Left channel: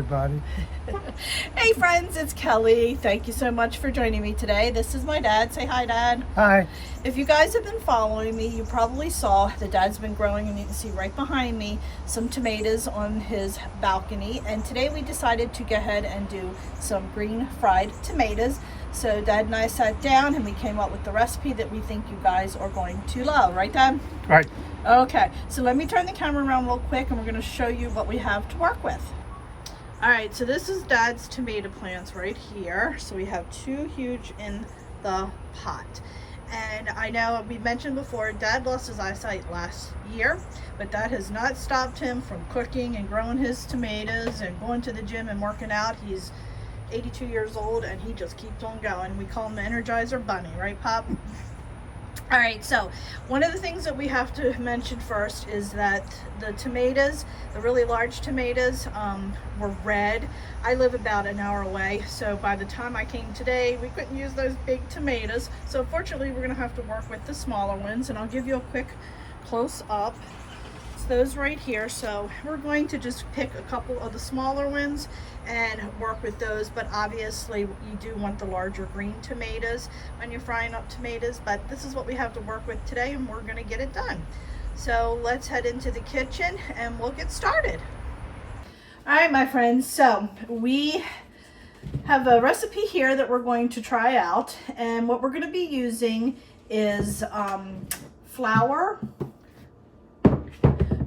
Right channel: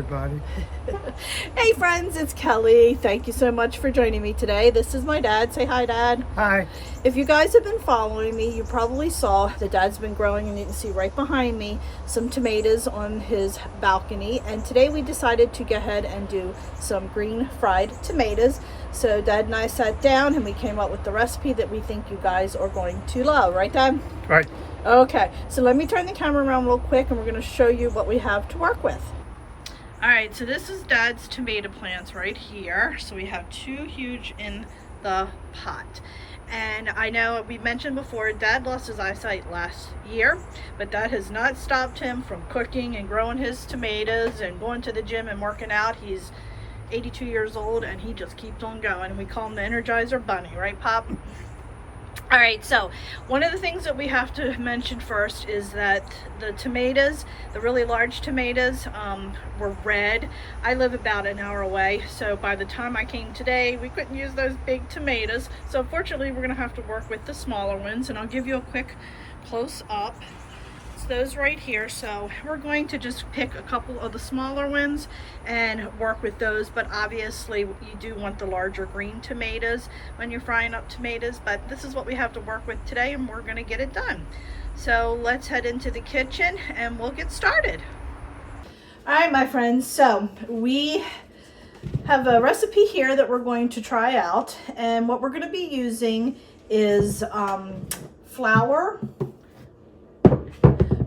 everybody. Hey friends, it's Kelly. Thank you so much for joining me today. This is my dad. Say hi, Dad. Hi. If you guys have been following me, you probably saw that Dad's been growing, and you can see right behind me some tomatoes on his balcony. And today we decided to go ahead and do some green fried tomatoes. So Dad and I sat down and we came up with the recipe that we think you guys are going to love. Right, Dad? Right. Okay, so let me turn the camera around real quick and we're going to show you what we have to work with. All right, so this is Dad's tomato plants right here. So we have two huge in the pot. And I know we mentioned before, Dad lost his eyesight last year, but that has not stopped him from cooking and growing his tomatoes and going to the gym and working out. He's 82 years old and he just keeps on going. We call him the Energizer Bunny, right, Pop? All right, so one of the things that we have to mention first is that the tomatoes, the really large tomatoes, were red. I live about an hour away, so by the time I came today, we couldn't use those big tomatoes. So fortunately, we're gonna have to work with the smaller ones, and I'll give you a quick close up. It's those right here. So we're going to just pick a couple of the smaller ones and work with those, but obviously you do want the larger green tomatoes when you're frying up tomatoes. But this is what we have to work with today, and we're going to get it done. So let's head into the kitchen and we'll get started. All right, my friends, so we have a recipe here that we're going to try out, and what we're going to be using is flour.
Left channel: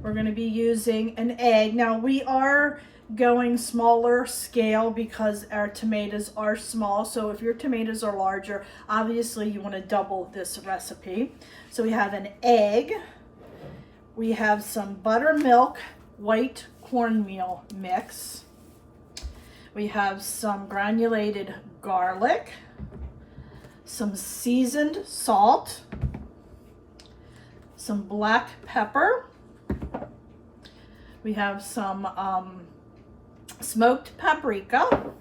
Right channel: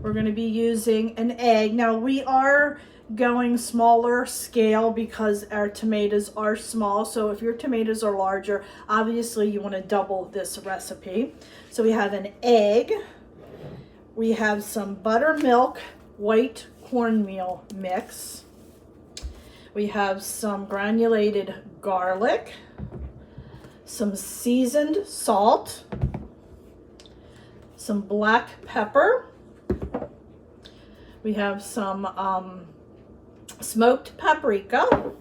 We're going to be using an egg. Now we are going smaller scale because our tomatoes are small. So if your tomatoes are larger, obviously you want to double this recipe. So we have an egg. We have some buttermilk white cornmeal mix. We have some granulated garlic, some seasoned salt, some black pepper. We have some smoked paprika,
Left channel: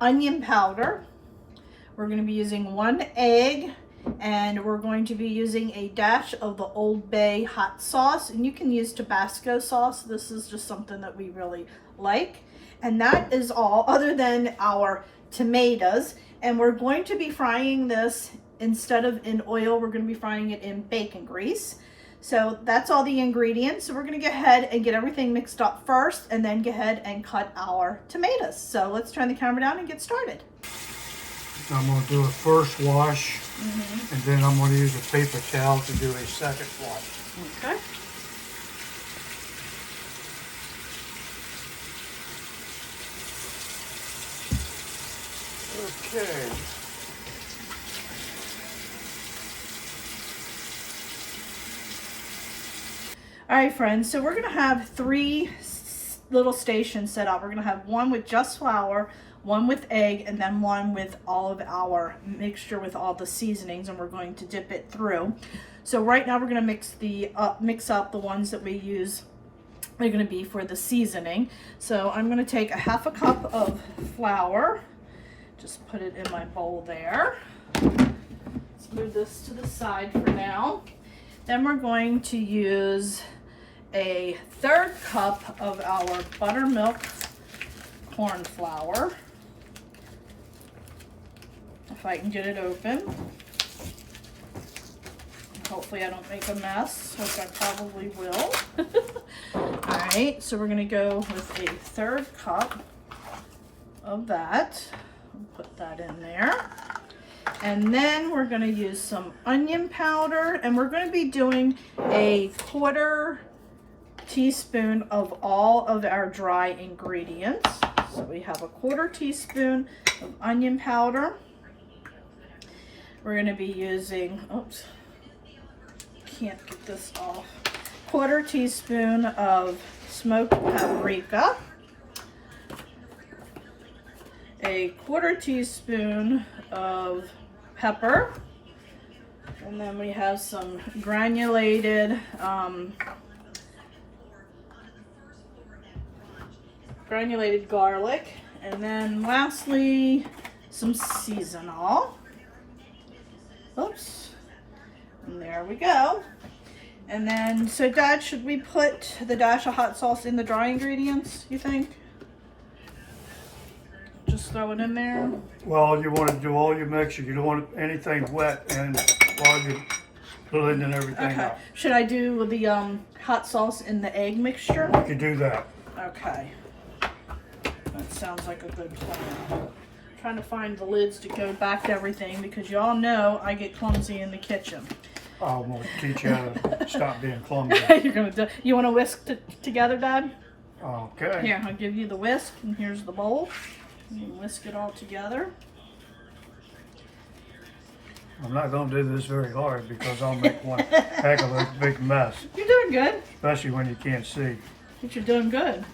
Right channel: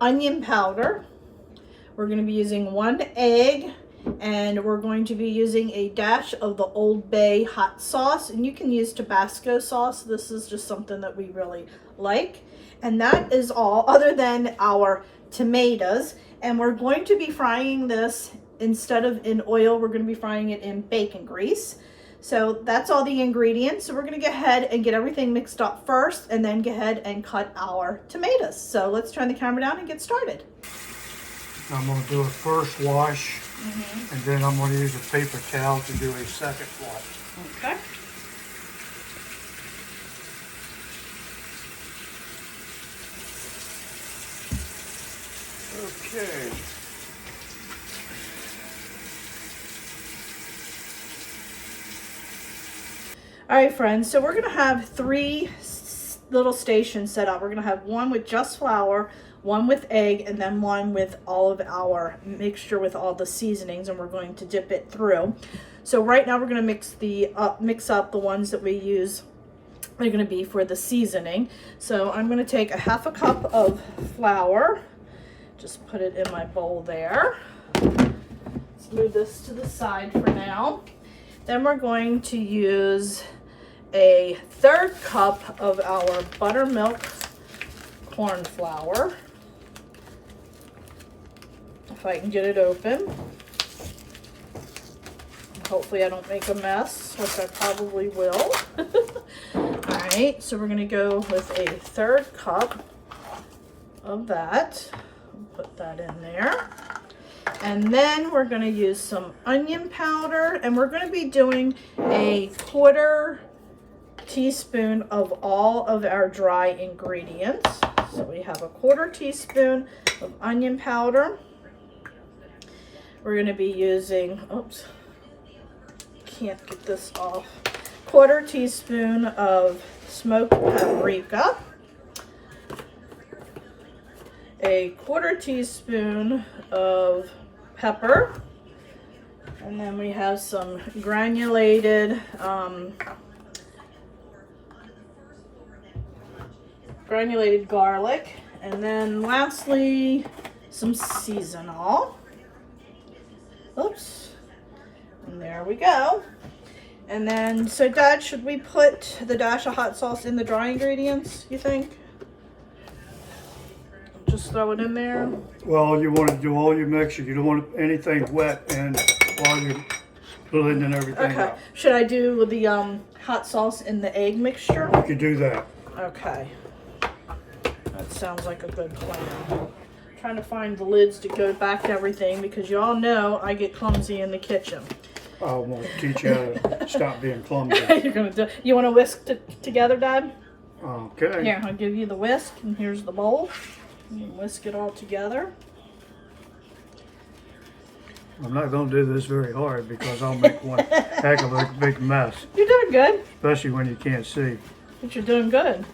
onion powder. We're going to be using one egg, and we're going to be using a dash of the Old Bay hot sauce, and you can use Tabasco sauce. This is just something that we really like. And that is all, other than our tomatoes. And we're going to be frying this, instead of in oil, we're going to be frying it in bacon grease. So that's all the ingredients. So we're going to go ahead and get everything mixed up first, and then go ahead and cut our tomatoes. So let's turn the camera down and get started. I'm going to do a first wash, and then I'm going to use a paper towel to do a second wash. Okay. Okay. All right, friends, so we're gonna have three little stations set up. We're gonna have one with just flour, one with egg, and then one with all of our mixture with all the seasonings, and we're going to dip it through. So right now we're gonna mix up the ones that we use. They're gonna be for the seasoning. So I'm gonna take a half a cup of flour, just put it in my bowl there. Let's move this to the side for now. Then we're going to use a third cup of our buttermilk corn flour. If I can get it open. Hopefully I don't make a mess, which I probably will. All right, so we're gonna go with a third cup of that. Put that in there. And then we're going to use some onion powder, and we're going to be doing a 1/4 teaspoon of all of our dry ingredients. So we have a 1/4 teaspoon of onion powder. We're going to be using, oops, can't get this off, 1/4 teaspoon of smoked paprika, a 1/4 teaspoon of pepper, and then we have some granulated garlic, and then lastly some seasonal. Oops, and there we go. And then, so Dad, should we put the dash of hot sauce in the dry ingredients, you think? Just throw it in there? Well, you want to do all your mixture. You don't want anything wet and all your blending and everything Okay. up. Should I do the hot sauce in the egg mixture? You can do that. Okay. That sounds like a good plan. Trying to find the lids to go back to everything because y'all know I get clumsy in the kitchen. I want to teach you how to stop being clumsy. You're gonna do, you want to whisk together, Dad? Okay. Here, I'll give you the whisk, and here's the bowl. You can whisk it all together. I'm not going to do this very hard because I'll make one heck of a big mess, You're doing good. especially when you can't see. But you're doing good.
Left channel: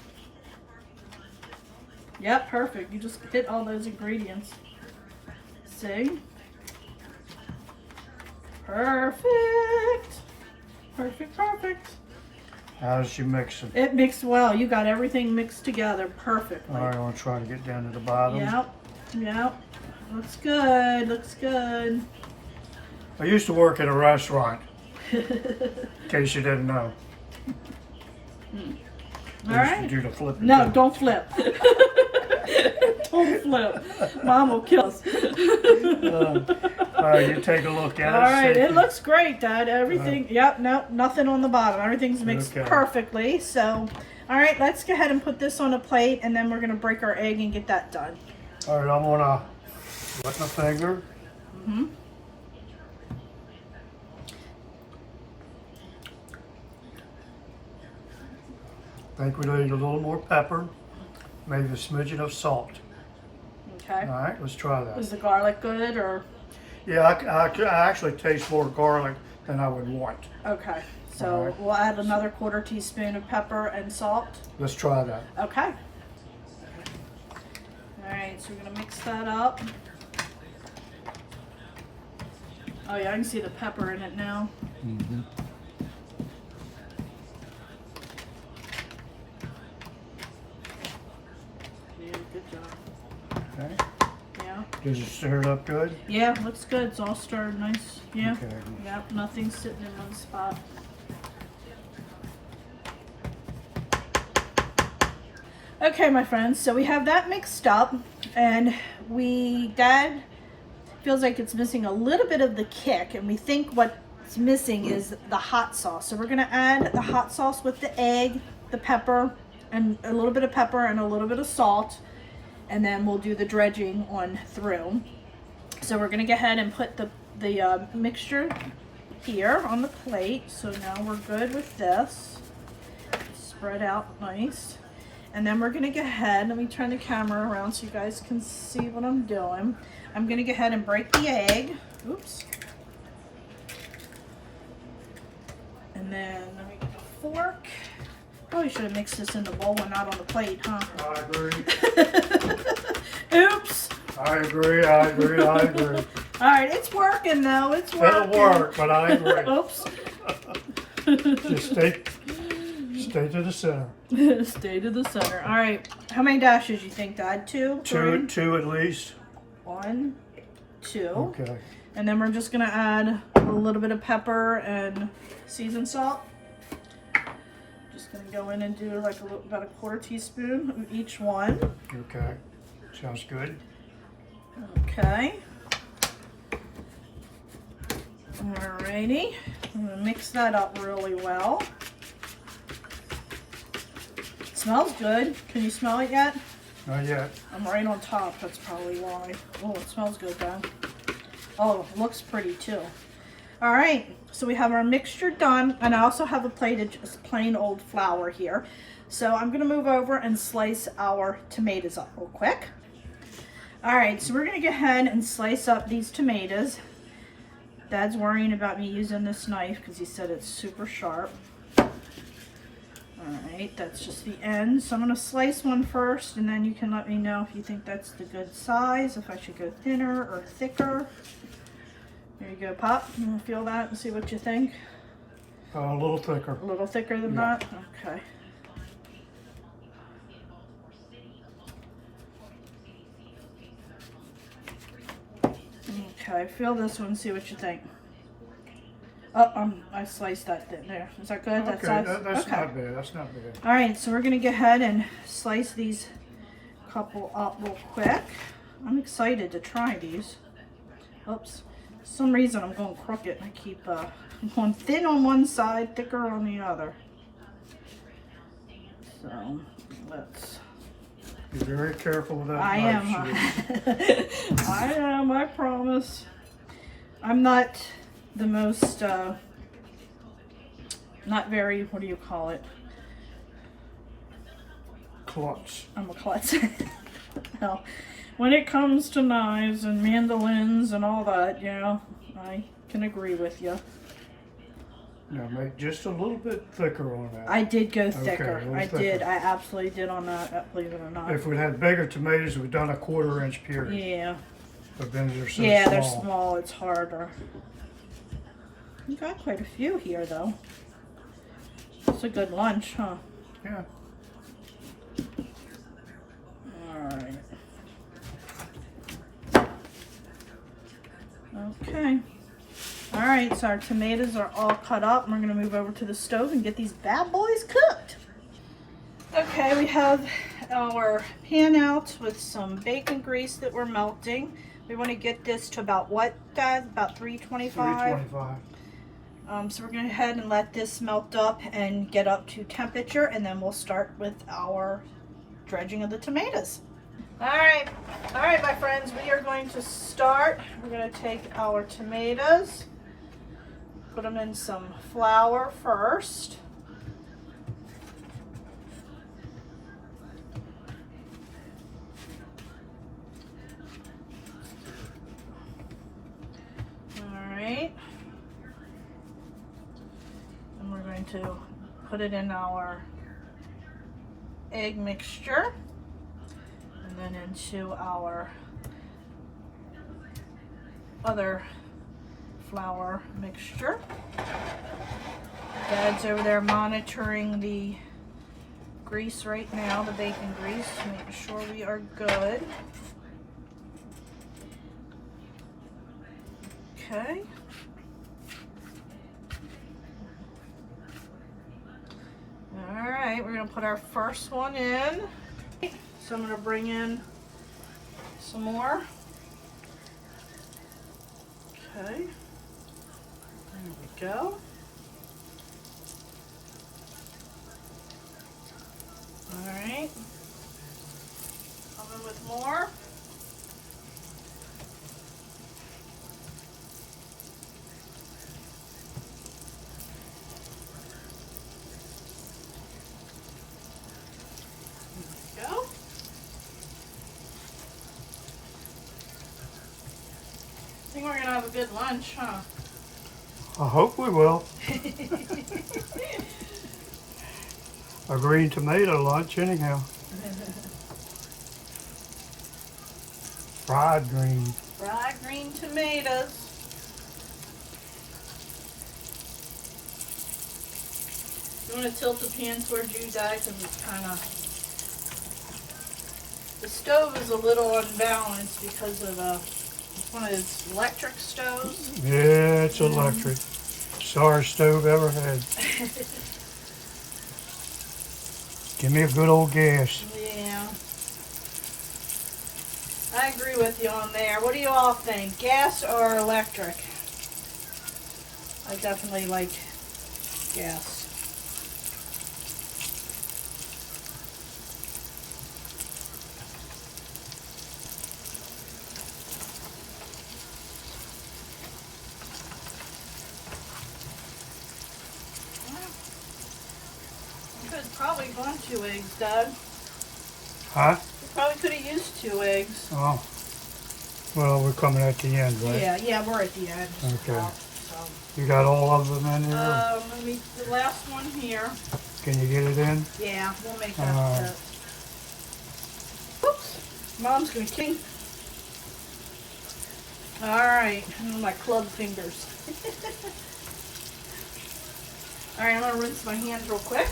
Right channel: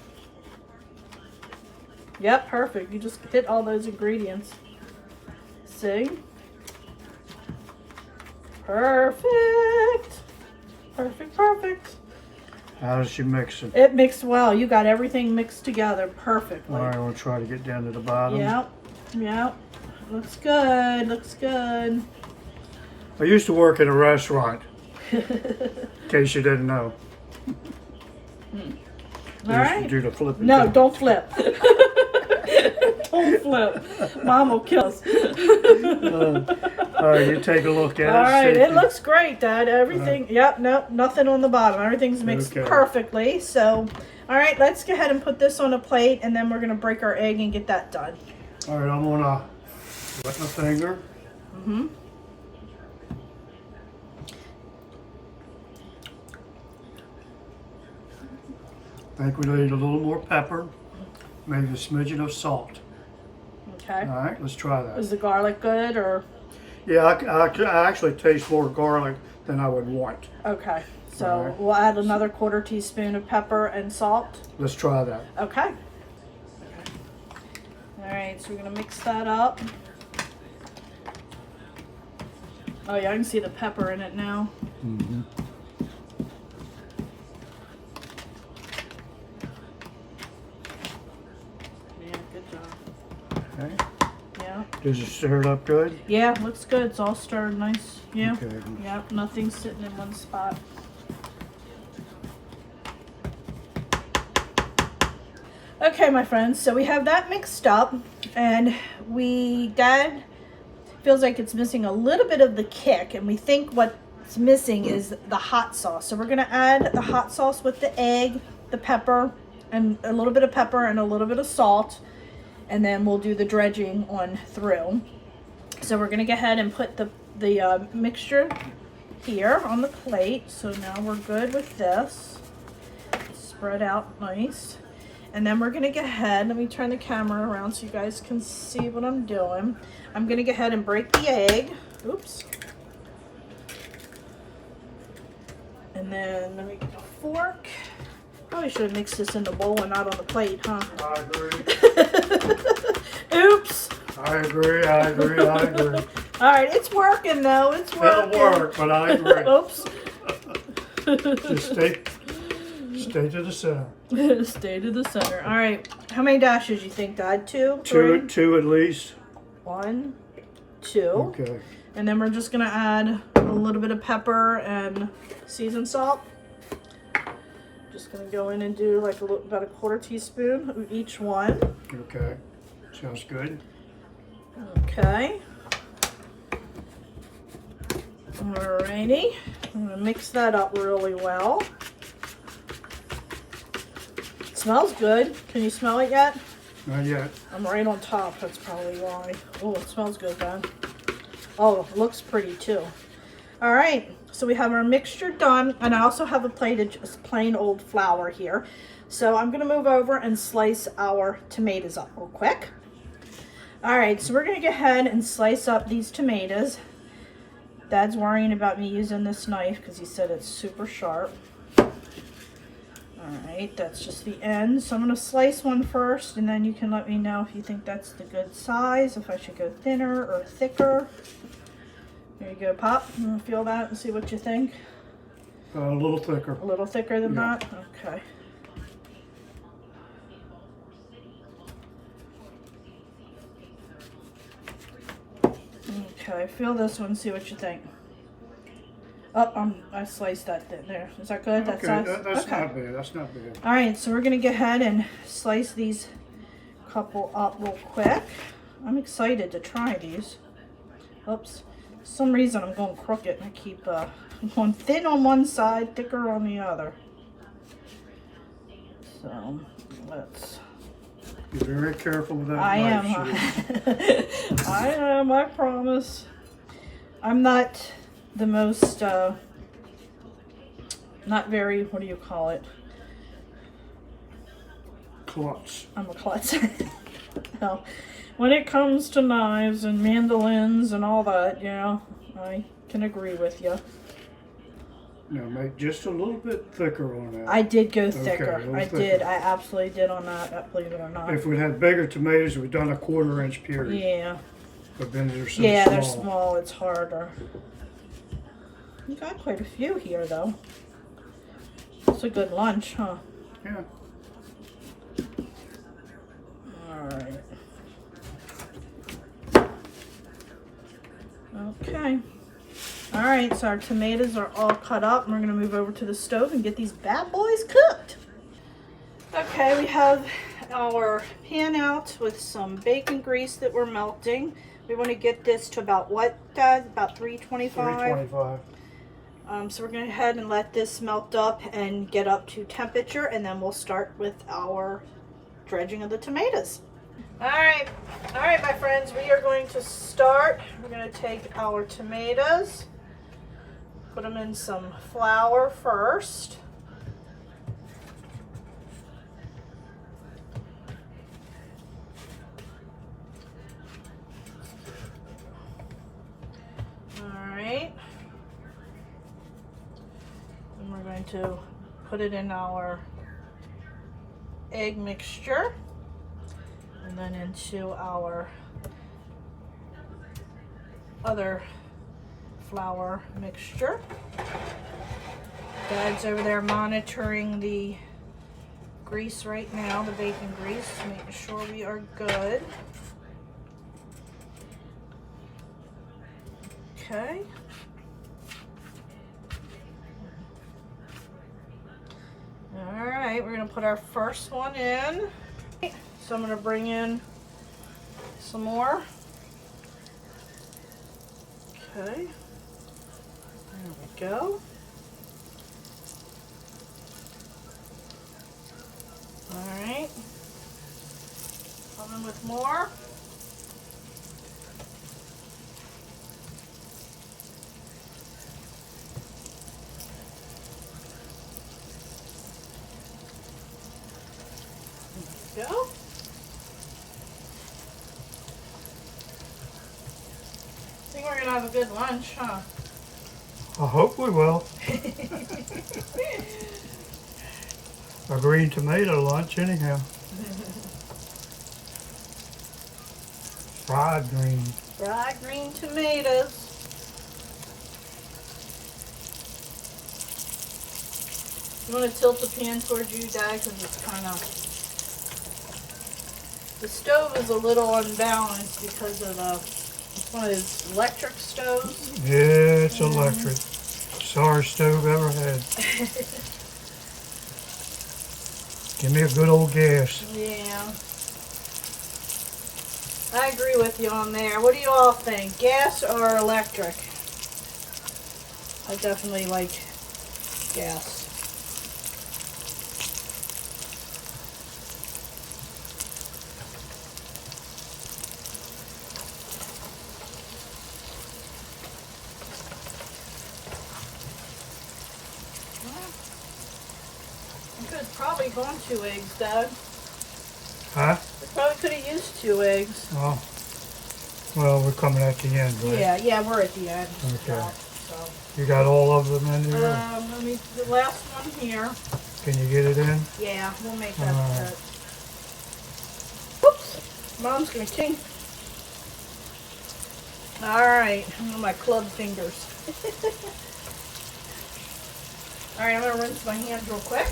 Yep, perfect. You just hit all those ingredients. See? Perfect. Perfect, perfect. How does she mix it? It mixed well. You got everything mixed together perfectly. All right, I'm going to try to get down to the bottom. Yep, yep. Looks good, looks good. I used to work at a restaurant, in case you didn't know. All I used right. to do the flipping. No, thing. don't flip. Don't flip. Mom will kill us. All right, you take a look at All it. right, see if it you- looks great, Dad. Everything, yep, no, nothing on the bottom. Everything's mixed Okay. perfectly. So, all right, let's go ahead and put this on a plate, and then we're gonna break our egg and get that done. All right, I'm going to wet my finger. Mm-hmm. I think we need a little more pepper, maybe a smidgen of salt. Okay. All right, let's try that. Is the garlic good or? Yeah, I actually taste more garlic than I would want. Okay. So All right. we'll add another 1/4 teaspoon of pepper and salt. Let's try that. Okay. All right, so we're gonna mix that up. Oh yeah, I can see the pepper in it now. Mm-hmm. Yeah, good job. Okay. Yeah. Did you stir it up good? Yeah, looks good. It's all stirred nice. Yeah. Okay. Yep, nothing's sitting in one spot. Okay, my friends, so we have that mixed up, and Dad feels like it's missing a little bit of the kick, and we think what's missing is the hot sauce. So we're gonna add the hot sauce with the egg, the pepper, and a little bit of pepper and a little bit of salt, and then we'll do the dredging on through. So we're gonna go ahead and put the mixture here on the plate. So now we're good with this. Spread out nice. And then we're gonna go ahead, let me turn the camera around so you guys can see what I'm doing. I'm gonna go ahead and break the egg. Oops. And then let me get a fork. Probably should have mixed this in the bowl and not on the plate, huh? I agree. Oops. I agree. I agree. I agree. All right, it's working though. It's working. It'll work, but I agree. Oops. Just stay to the center. Stay to the center. All right. How many dashes you think, Dad? Two? Three? Two at least. 1, 2. Okay. And then we're just gonna add a little bit of pepper and seasoned salt. Just gonna go in and do like about a 1/4 teaspoon of each one. Okay. Sounds good. Okay. Alrighty. I'm gonna mix that up really well. Smells good. Can you smell it yet? Not yet. I'm right on top. That's probably why. Oh, it smells good, Dad. Oh, looks pretty too. All right. So we have our mixture done, and I also have a plate of just plain old flour here. So I'm gonna move over and slice our tomatoes up real quick. All right, so we're gonna go ahead and slice up these tomatoes. Dad's worrying about me using this knife because he said it's super sharp. All right, that's just the end. So I'm gonna slice one first, and then you can let me know if you think that's the good size, if I should go thinner or thicker. There you go, Pop. You wanna feel that and see what you think? A little thicker. A little thicker than Yeah. that? Okay. Okay, feel this one, see what you think. Oh, I sliced that in there. Is that good? That Okay, size? that's Okay. not bad. That's not bad. All right, so we're gonna go ahead and slice these couple up real quick. I'm excited to try these. Oops. For some reason I'm going crooked and I keep going thin on one side, thicker on the other. So let's. Be very careful with that. I am. I am. I promise. I'm not the most. Not very. What do you call it? Klutz. I'm a klutzer. No. When it comes to knives and mandolins and all that, yeah, I can agree with you. Now make just a little bit thicker on that. I did go thicker. Okay, I did. I absolutely did on that, believe it or not. If we had bigger tomatoes, we'd done a 1/4 inch puree. Yeah. But then they're so Yeah, small. they're small. It's harder. You got quite a few here, though. It's a good lunch, huh? Yeah. All right. Okay. All right, so our tomatoes are all cut up. And we're gonna move over to the stove and get these bad boys cooked. Okay, we have our pan out with some bacon grease that we're melting. We want to get this to about what, Dad? About 325? 325. So we're going to go ahead and let this melt up and get up to temperature, and then we'll start with our dredging of the tomatoes. All right, my friends, we are going to start. We're going to take our tomatoes, put them in some flour first. And we're going to put it in our egg mixture and then into our other flour mixture. Dad's over there monitoring the grease right now, the bacon grease, making sure we are good. Okay. Alright, we're going to put our first one in. So I'm going to bring in some more. Okay. There we go. Alright. Coming with more. Go. I think we're gonna have a good lunch, huh? I hope we will. A green tomato lunch anyhow. Fried green. Fried green tomatoes. You want to tilt the pan towards you, Dad, because it's kind of... The stove is a little unbalanced because of it's one of those electric stoves. Yeah, it's electric. Sorriest stove ever had. Give me a good old gas. Yeah. I agree with you on there. What do you all think? Gas or electric? I definitely like gas. Probably gone 2 eggs, Dad. Huh? We probably could have used 2 eggs. Oh. Well, we're coming at the end, right? Yeah, we're at the end. Okay. You got all of them in there? The last one here. Can you get it in? Yeah, we'll make that Alright. fit. Oops. Mom's gonna kick. Alright, my club fingers. Alright, I'm gonna rinse my hands real quick.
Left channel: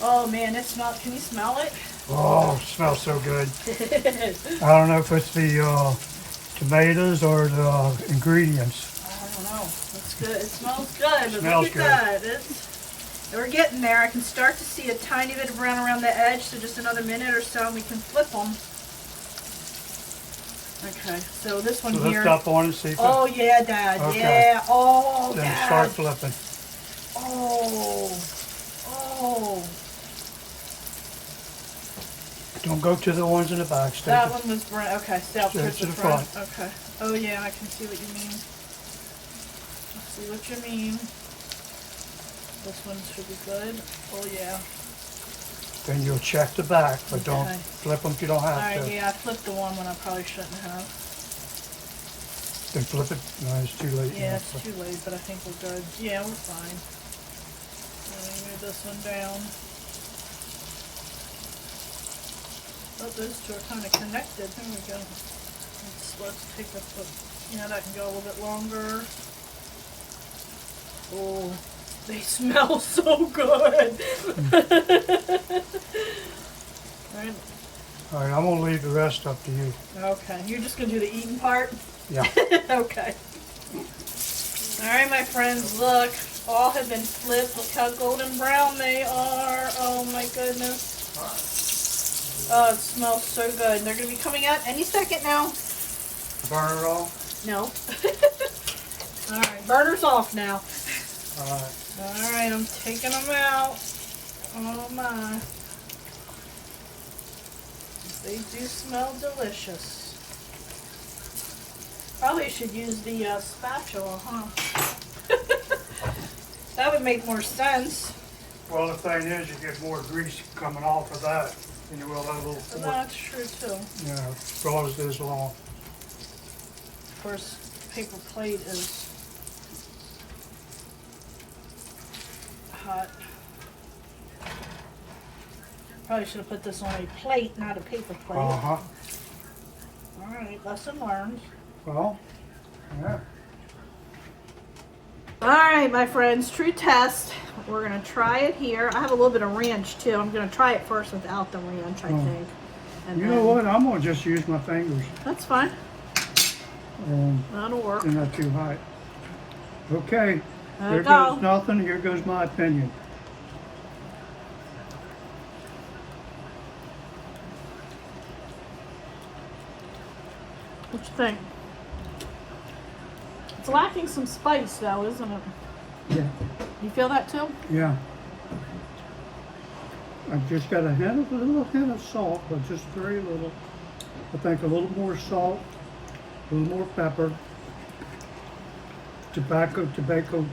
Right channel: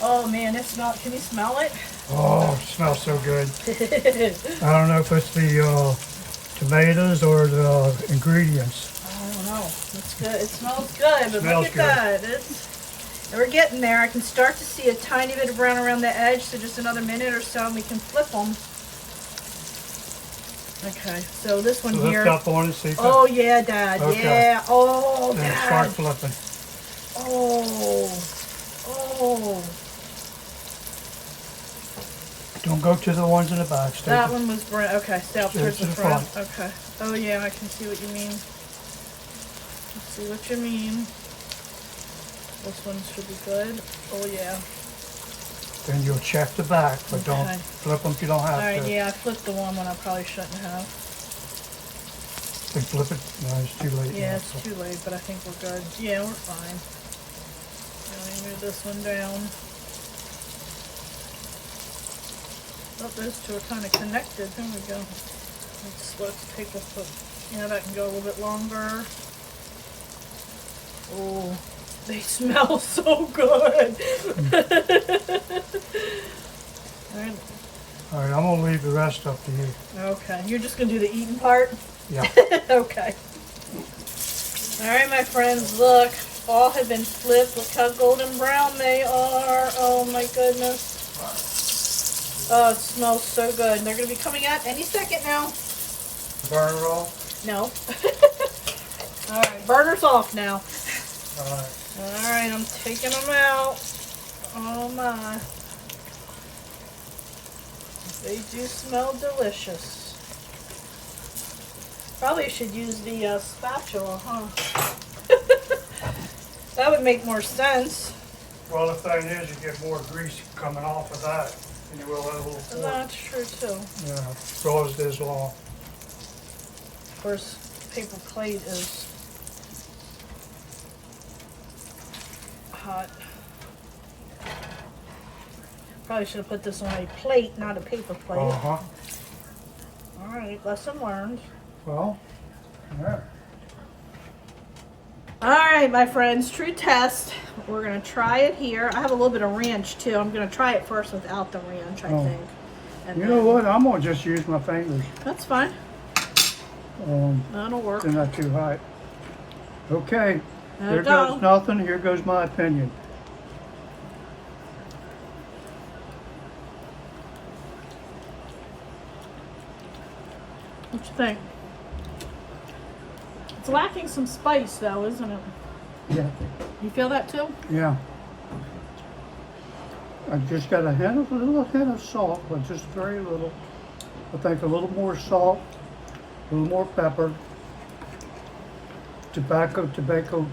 Oh man, it smells. Can you smell it? Oh, it smells so good. I don't know if it's the tomatoes or the ingredients? I don't know. It's good. It smells good, but Smells look at that. We're getting there. I can start to see a tiny bit of brown around the edge, so just another minute or so and we can flip them. Okay, so this one here. Lift up on it, see? Oh yeah, Dad. Okay. Yeah. Oh, Then Dad. start flipping. Oh. Oh. Don't go to the ones in the back. Stay That to- one was brown. Okay, stay up Stay towards to the the front. front. Okay. Oh yeah, I can see what you mean. I see what you mean. This one should be good. Oh yeah. Then you'll check the back, but Okay. don't flip them if you don't have Alright, to. yeah, I flipped the one when I probably shouldn't have. Then flip it. No, it's too late. Yeah, it's too late, but I think we're good. Yeah, we're fine. Let me move this one down. Oh, those two are kind of connected. There we go. Let's take a foot. Yeah, that can go a little bit longer. Oh, they smell so good. Alright. Alright, I'm going to leave the rest up to you. Okay, you're just going to do the eating part? Yeah. Okay. Alright, my friends, look. All have been flipped. Look how golden brown they are. Oh my goodness. Oh, it smells so good. They're going to be coming out any second now. Burner roll? No. Alright, burner's off now. Alright. Alright, I'm taking them out. Oh my. They do smell delicious. Probably should use the spatula, huh? That would make more sense. Well, the thing is, you get more grease coming off of that than you will that little fork. That's true too. Yeah, draws this long. Of course, paper plate is hot. Probably should have put this on a plate, not a paper plate. Uh-huh. Alright, lesson learned. Well, yeah. Alright, my friends, true test. We're going to try it here. I have a little bit of ranch too. I'm going to try it first without the ranch, I think. And You know what? I'm going to just use my fingers. That's fine. That'll work. They're not too hot. Okay. There Here we go. goes nothing. Here goes my opinion. What you think? It's lacking some spice though, isn't it? Yeah. You feel that too? Yeah. I've just got a little hint of salt, but just very little. I think a little more salt, a little more pepper, Tabasco, Tabasco.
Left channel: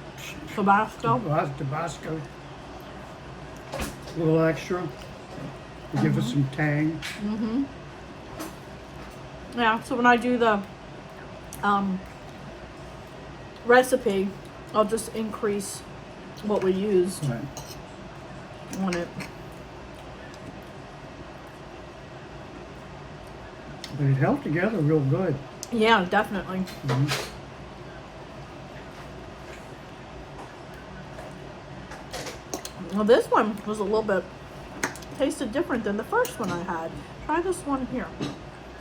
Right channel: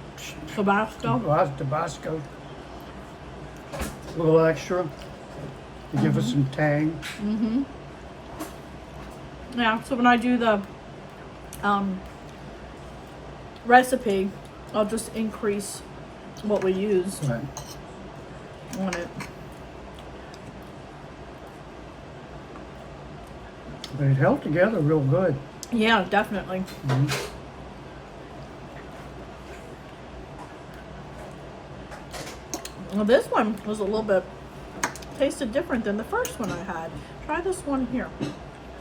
Tabasco. A little extra to give it some tang. Mm-hmm. Yeah, so when I do the recipe, I'll just increase what we use Right. on it. They held together real good. Yeah, definitely. Mhm. Well, this one was a little bit tasted different than the first one I had. Try this one here.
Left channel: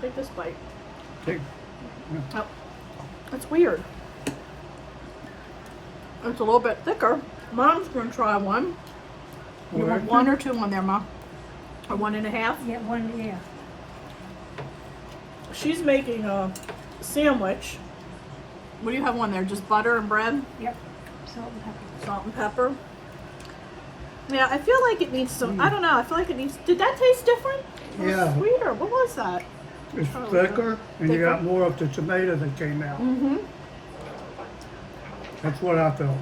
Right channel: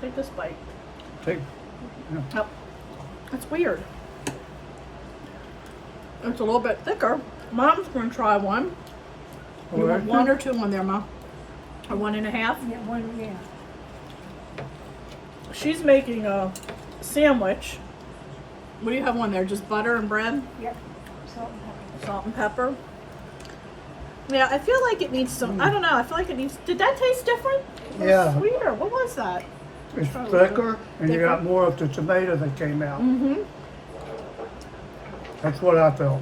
Take this bite. Take, Oh, it's weird. It's a little bit thicker. Mom's gonna try one. You want Alright. one or two on there, Mom? Or 1.5? Yeah, one, yeah. She's making a sandwich. What do you have on there? Just butter and bread? Yep. Salt and pepper. Salt and pepper. Yeah, I feel like it needs some, I don't know, I feel like it needs, did that taste different? It was Yeah. sweeter. What was that? It's Try a little bit. thicker, and you got more of the tomato that came out. Mm-hmm. That's what I felt.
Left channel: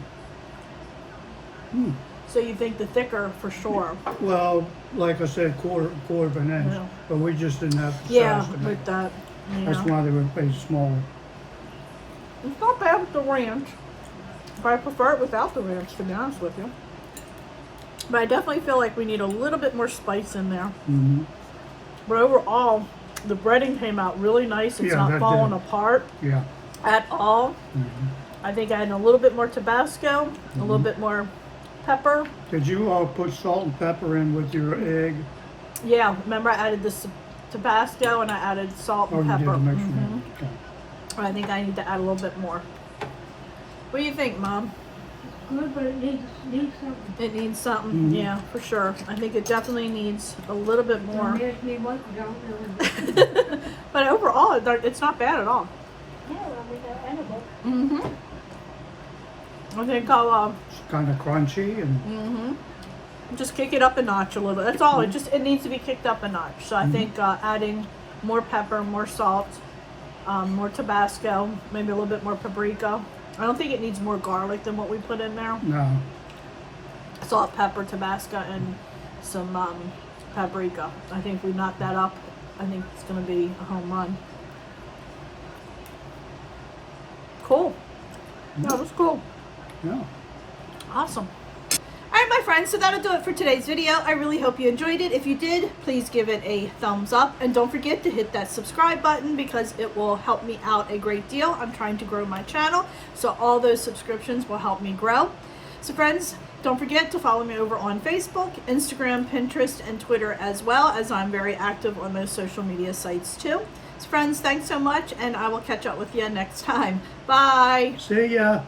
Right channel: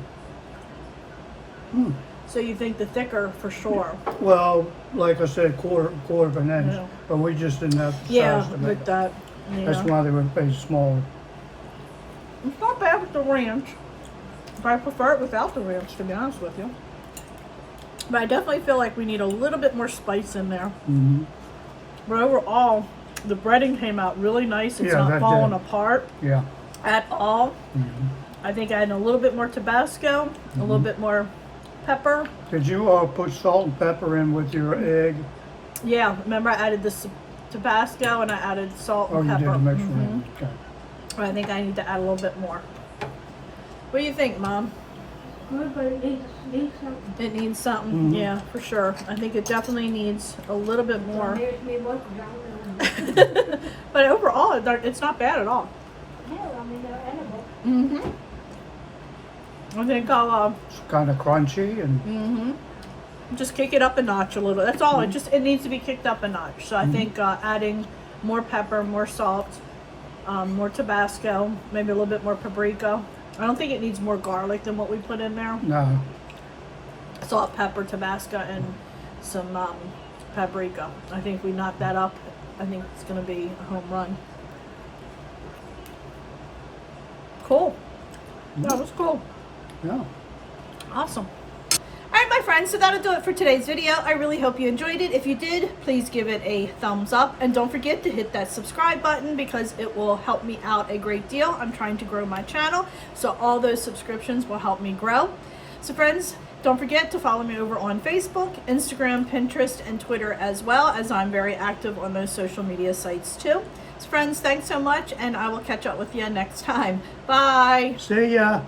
So you think the thicker for sure? Well, like I said, quarter of an inch, Yeah. but we just didn't have the Yeah, size to make with it. that. That's Yeah. why they were made smaller. It's not bad with the ranch. But I prefer it without the ranch, to be honest with you. But I definitely feel like we need a little bit more spice in there. Mm-hmm. But overall, the breading came out really nice. It's Yeah, not that falling did. apart Yeah. at all. Mm-hmm. I think I had a little bit more Tabasco, a little bit more pepper. Did you put salt and pepper in with your egg? Yeah, remember I added this Tabasco and I added salt Oh, and you did pepper. to make sure. Mhm. Okay. Or I think I need to add a little bit more. What do you think, Mom? Good, but it needs something. It needs something, yeah, for sure. I think it definitely needs a little bit more. Don't ask me what, 'cause I don't know. But overall, it's not bad at all. Yeah, I mean, they're edible. I think I'll It's kind of crunchy and just kick it up a notch a little bit. That's all. It needs to be kicked up a notch. So I think adding more pepper, more salt, more Tabasco, maybe a little bit more paprika. I don't think it needs more garlic than what we put in there. no. Salt, pepper, Tabasco, and some paprika. I think if we knock that up, I think it's going to be a home run. Cool. That was cool. Yeah. Awesome. Alright my friends, so that'll do it for today's video. I really hope you enjoyed it. If you did, please give it a thumbs up. And don't forget to hit that subscribe button because it will help me out a great deal. I'm trying to grow my channel, so all those subscriptions will help me grow. So friends, don't forget to follow me over on Facebook, Instagram, Pinterest, and Twitter as well, as I'm very active on those social media sites too. So friends, thanks so much, and I will catch up with you next time. Bye! See ya.